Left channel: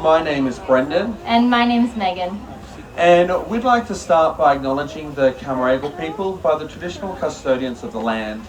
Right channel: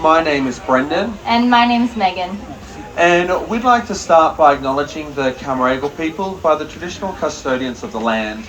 My name is Brendan. And my name's Megan. And we'd like to start by acknowledging the Camaragal people by the traditional custodians of the land.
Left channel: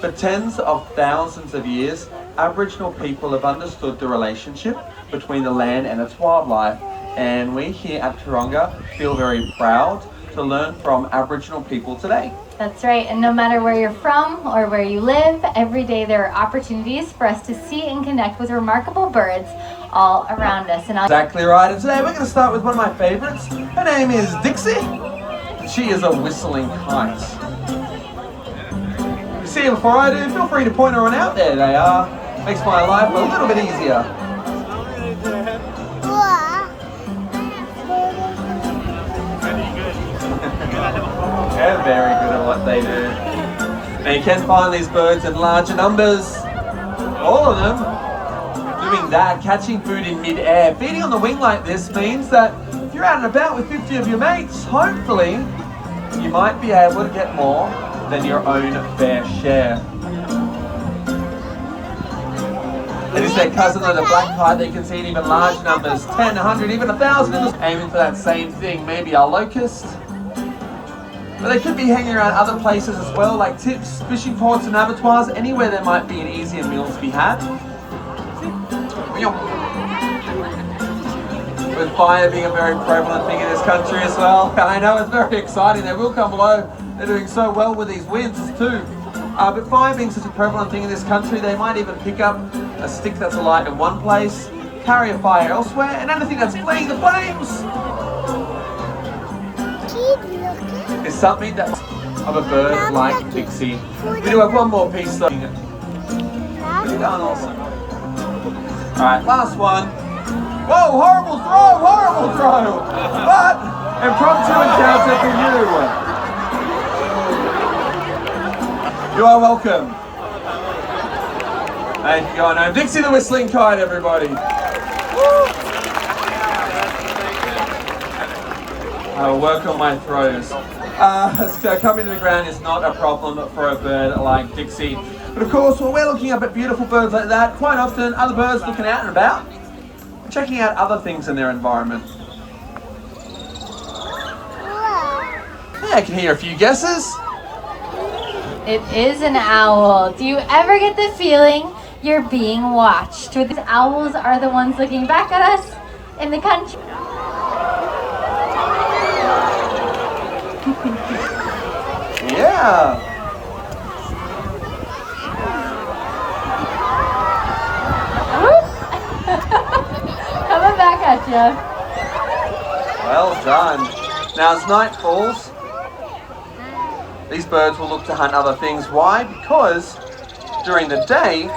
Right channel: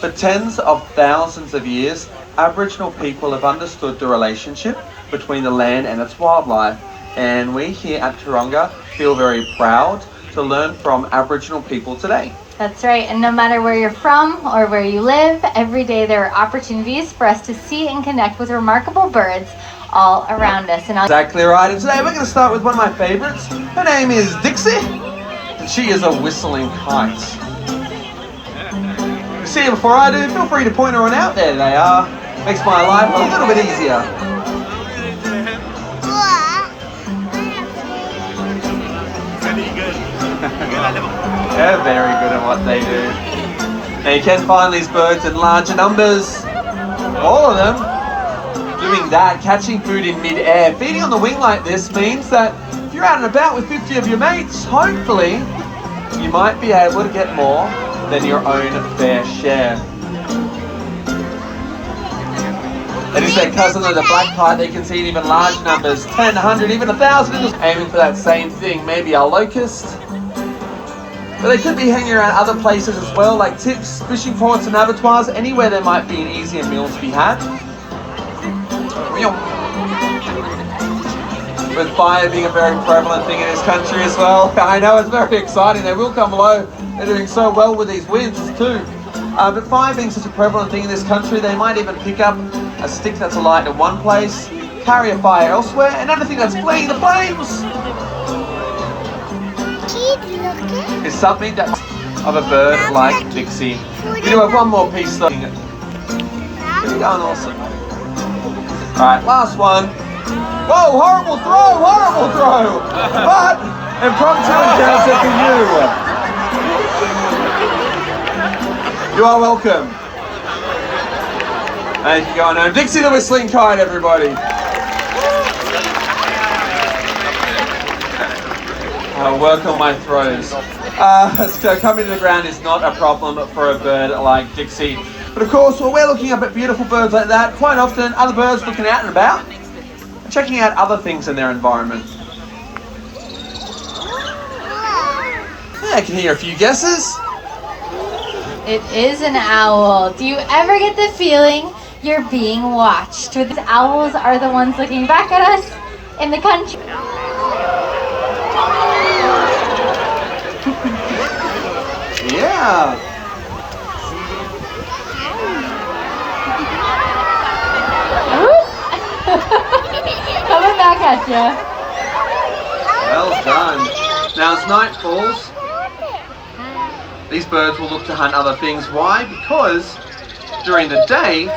For tens of thousands of years, Aboriginal people have understood the relationship between the land and its wildlife. And we here at Taronga feel very proud to learn from Aboriginal people today. That's right, and no matter where you're from or where you live, every day there are opportunities for us to see and connect with remarkable birds all around us. Exactly right, and today we're going to start with one of my favorites. Her name is Dixie, and she is a whistling kite. See her before I do, feel free to point her on out. There they are. Makes my life a little bit easier. They're very good at what they do. Now you can find these birds in larger numbers. All of them doing that, catching food in mid-air. Feeding on the wing like this means that if you're out and about with 50 of your mates, hopefully you might be able to get more than your own fair share. It is their cousin of the black kite. They can see in even large numbers, 10, 100, even 1,000. Aiming for that same thing, maybe our locust. But they could be hanging around other places as well, like tips, fishing ports and abattoirs, anywhere there might be an easier meal to be had. With fire being a very prevalent thing in this country as well. I know, it's very exciting. They will come low. They're doing so well with these winds too. But fire being such a prevalent thing in this country, they might even pick up a stick that's alight in one place, carry a fire elsewhere, and anything that's fleeing the flames is something that's of a bird like Dixie. We do have one more piece though. Pretty darn awesome. Alright, last one. Whoa, horrible throw! But impromptu chance for you. You are welcome. Thank you, going home. Dixie the whistling kite, everybody. Work on my throws. So coming to the ground is not a problem for a bird like Dixie. But of course, when we're looking up at beautiful birds like that, quite often other birds looking out and about, and checking out other things in their environment. Yeah, I can hear a few guesses. It is an owl. Do you ever get the feeling you're being watched? Or these owls are the ones looking back at us in the country? Yeah. Coming back at you. Well done. Now as night falls, these birds will look to hunt other things. Why? Because during the day,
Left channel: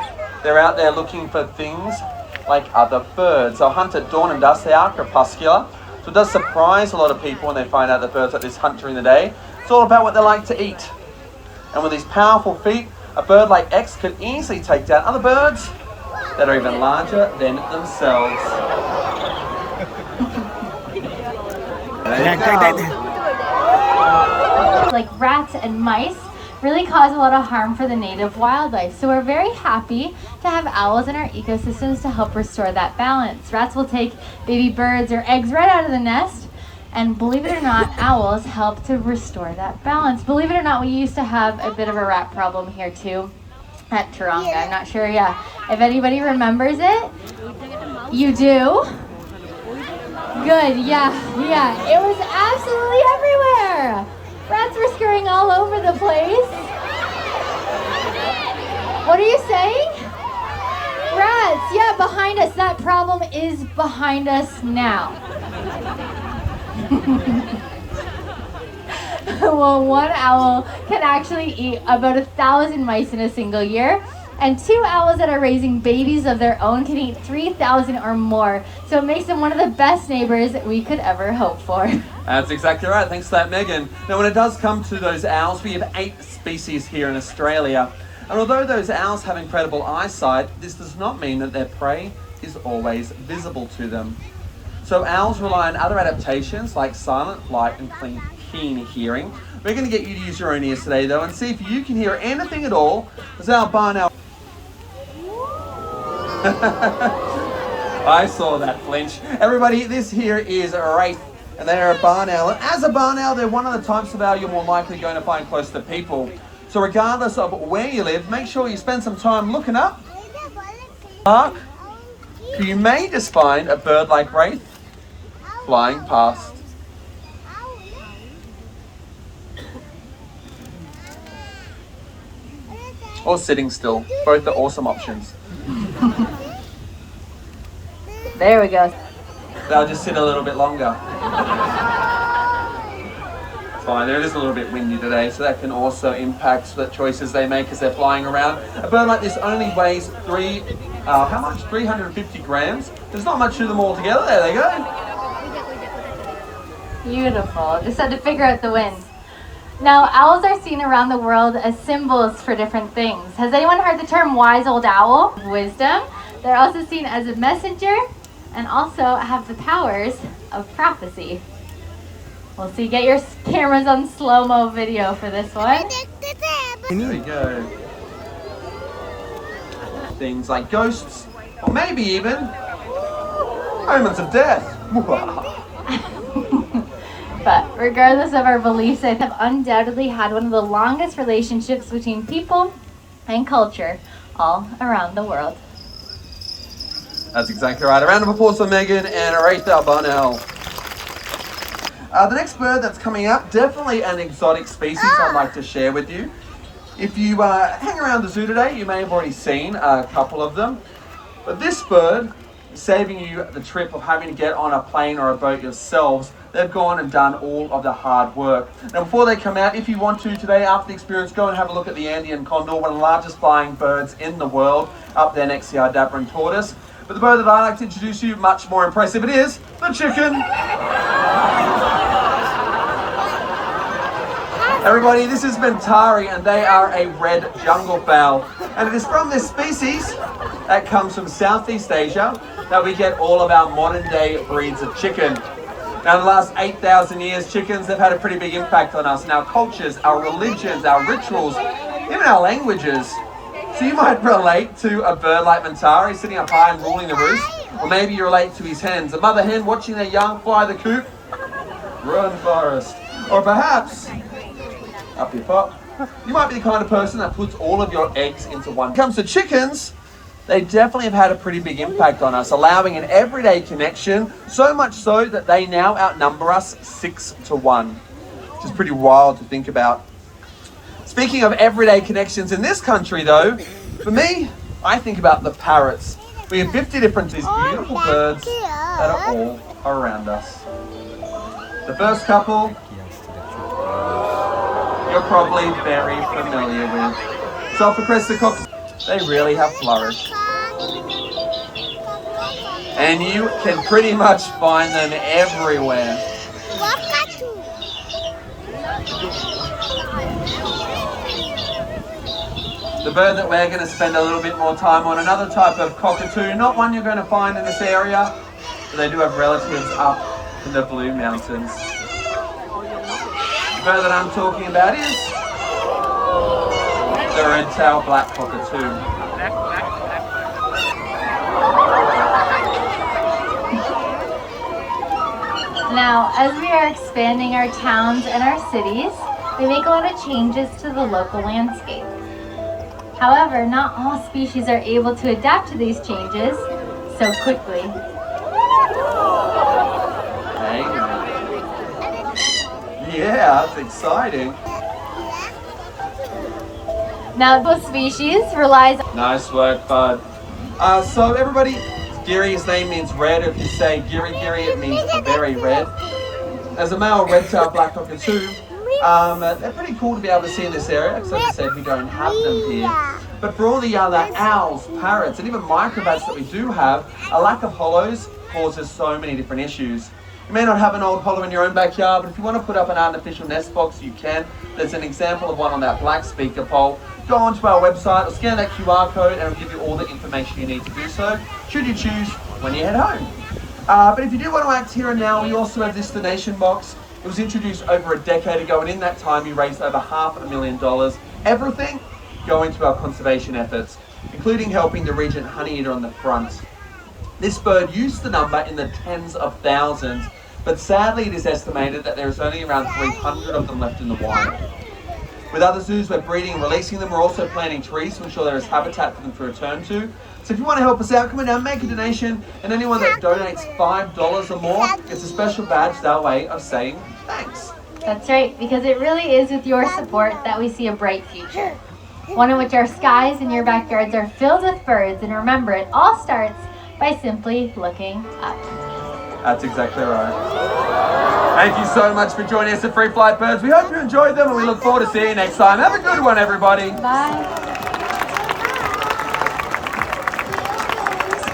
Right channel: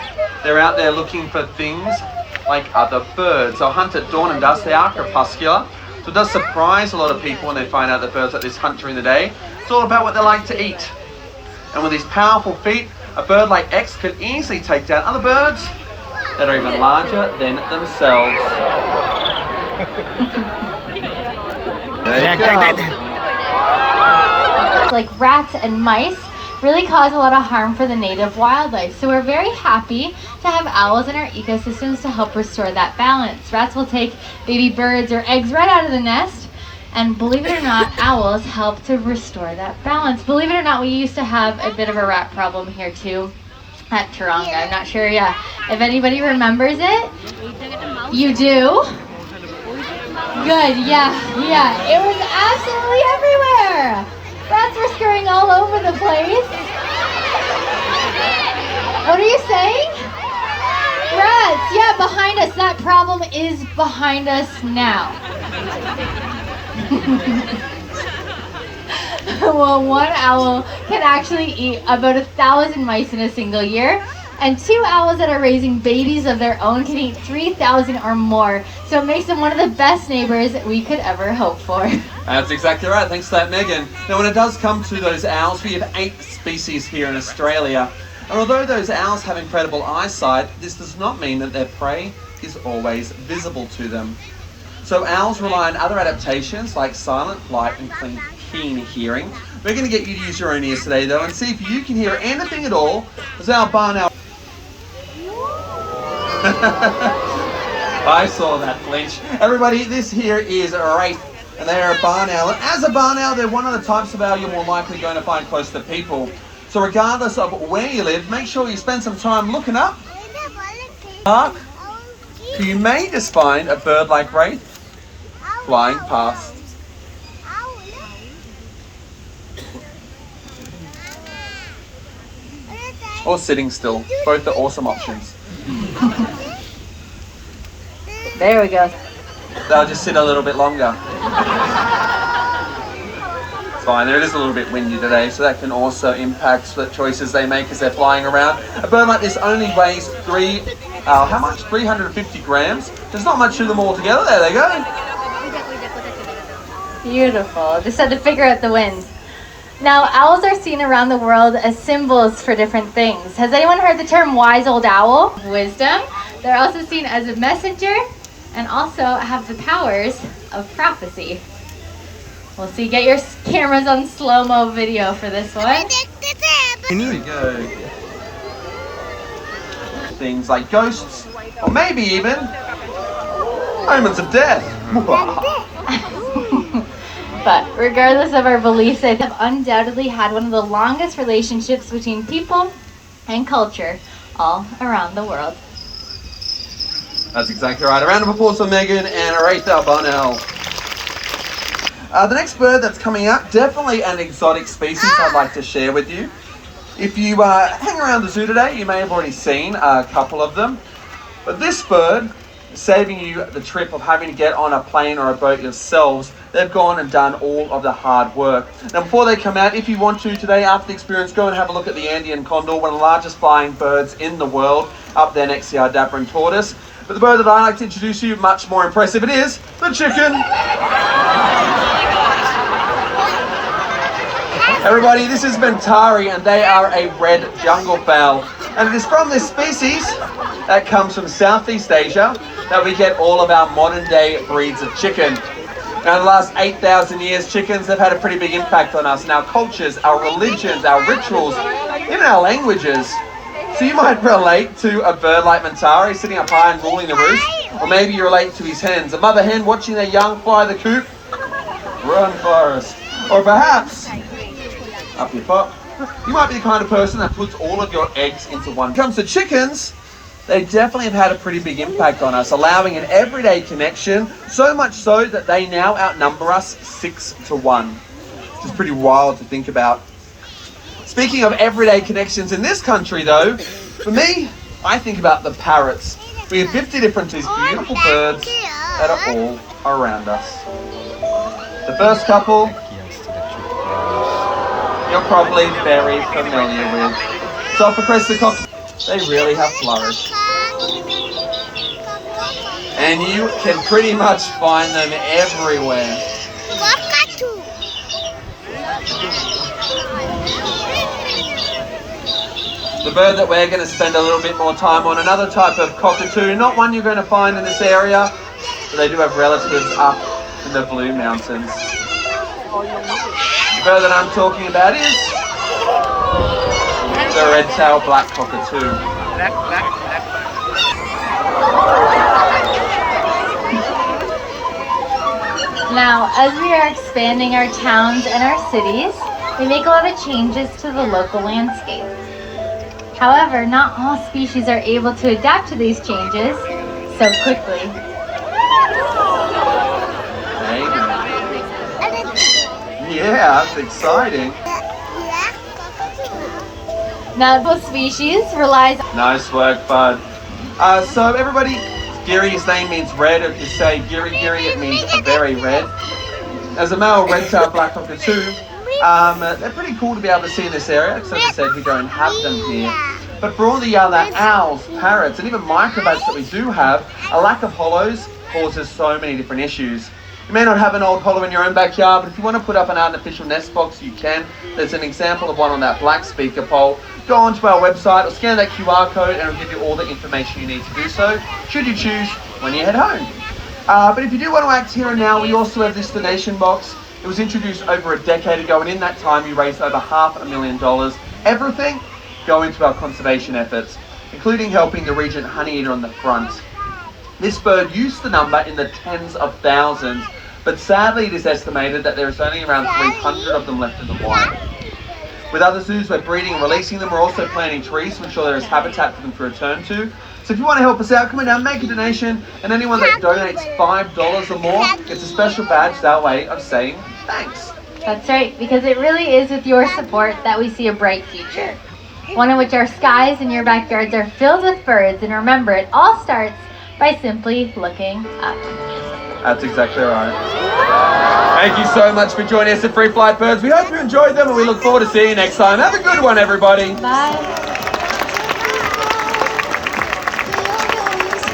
they're out there looking for things like other birds. They'll hunt at dawn and dusk. They are crepuscular. So it does surprise a lot of people when they find out that birds like this hunt during the day. It's all about what they like to eat. And with these powerful feet, a bird like X could easily take down other birds that are even larger than themselves. Like rats and mice really cause a lot of harm for the native wildlife. So we're very happy to have owls in our ecosystems to help restore that balance. Rats will take baby birds or eggs right out of the nest. And believe it or not, owls help to restore that balance. Believe it or not, we used to have a bit of a rat problem here too at Taronga. I'm not sure, if anybody remembers it. You do? Good, yeah. It was absolutely everywhere. Rats were scurrying all over the place. What are you saying? Rats, yeah, behind us. That problem is behind us now. Well, one owl can actually eat about 1,000 mice in a single year, and 2 owls that are raising babies of their own can eat 3,000 or more. So it makes them one of the best neighbors we could ever hope for. That's exactly right. Thanks for that, Megan. Now, when it does come to those owls, we have 8 species here in Australia. And although those owls have incredible eyesight, this does not mean that their prey is always visible to them. So owls rely on other adaptations like silent flight and keen hearing. We're going to get you to use your own ears today though and see if you can hear anything at all as our barn owl I saw that flinch. Everybody, this here is a wraith, and they are a barn owl. And as a barn owl, they're one of the types of owl you're more likely going to find close to people. So regardless of where you live, make sure you spend some time looking up. Mark, you may just find a bird like wraith flying past. Or sitting still. Both are awesome options. There we go. They'll just sit a little bit longer. It's fine, it is a little bit windy today, so that can also impact the choices they make as they're flying around. A bird like this only weighs how much? 350 grams. There's not much to them all together. There they go. Beautiful. Just had to figure out the wind. Now, owls are seen around the world as symbols for different things. Has anyone heard the term wise old owl? Wisdom. They're also seen as a messenger and also have the powers of prophecy. We'll see. Get your cameras on slow-mo video for this one. Here we go. Things like ghosts, or maybe even omens of death. But regardless of our beliefs, they have undoubtedly had one of the longest relationships between people and culture all around the world. That's exactly right. A round of applause for Megan and Aretha Barnell. The next bird that's coming out, definitely an exotic species I'd like to share with you. If you hang around the zoo today, you may have already seen a couple of them. But this bird, saving you the trip of having to get on a plane or a boat yourselves, they've gone and done all of the hard work. Now before they come out, if you want to today after the experience, go and have a look at the Andean condor, one of the largest flying birds in the world, up there next to our dappering tortoise. But the bird that I like to introduce you, much more impressive, it is the chicken. Everybody, this is Mentari, and they are a red jungle fowl. And it is from this species that comes from Southeast Asia that we get all of our modern day breeds of chicken. Now in the last 8,000 years, chickens have had a pretty big impact on us in our cultures, our religions, our rituals, even our languages. So you might relate to a bird like Mentari sitting up high and ruling the roost, or maybe you relate to his hens, a mother hen watching their young fly the coop. Run, Forrest. Or perhaps, up your pop, you might be the kind of person that puts all of your eggs into one. When it comes to chickens, they definitely have had a pretty big impact on us, allowing an everyday connection, so much so that they now outnumber us 6-1, which is pretty wild to think about. Speaking of everyday connections in this country though, for me, I think about the parrots. We have 50 different these beautiful birds that are all around us. The first couple, you're probably very familiar with. Sulphur-crested cocks, they really have flourished. And you can pretty much find them everywhere. The bird that we're going to spend a little bit more time on, another type of cockatoo, not one you're going to find in this area, but they do have relatives up in the Blue Mountains. The bird that I'm talking about is the red-tailed black cockatoo. Now, as we are expanding our towns and our cities, we make a lot of changes to the local landscape. However, not all species are able to adapt to these changes so quickly. Yeah, that's exciting. Now, both species relies. Nice work, bud. So everybody, Giri, his name means red. If you say Giri, it means very red. As a male red-tailed black cockatoo, they're pretty cool to be able to see in this area, because as I said, we don't have them here. But for all the other owls, parrots, and even microbats that we do have, a lack of hollows causes so many different issues. You may not have an old hollow in your own backyard, but if you want to put up an artificial nest box, you can. There's an example of one on that black speaker pole. Go onto our website or scan that QR code and it'll give you all the information you need to do so, should you choose, when you head home. But if you do want to act here and now, we also have this donation box. It was introduced over a decade ago, and in that time we raised over $500,000. Everything going to our conservation efforts, including helping the regent honeyeater on the front. This bird used to number in the tens of thousands, but sadly it is estimated that there is only around 300 of them left in the wild. With other zoos, we're breeding and releasing them. We're also planting trees to ensure there is habitat for them to return to. So if you want to help us out, come on down, make a donation, and anyone that donates $5 or more gets a special badge. It's our way of saying thanks. That's right, because it really is with your support that we see a bright future. One in which our skies and your backyards are filled with birds. And remember, it all starts by simply looking up. That's exactly right. Thank you so much for joining us at Free Flight Birds. We hope you enjoyed them and we look forward to seeing you next time. Have a good one, everybody. Bye.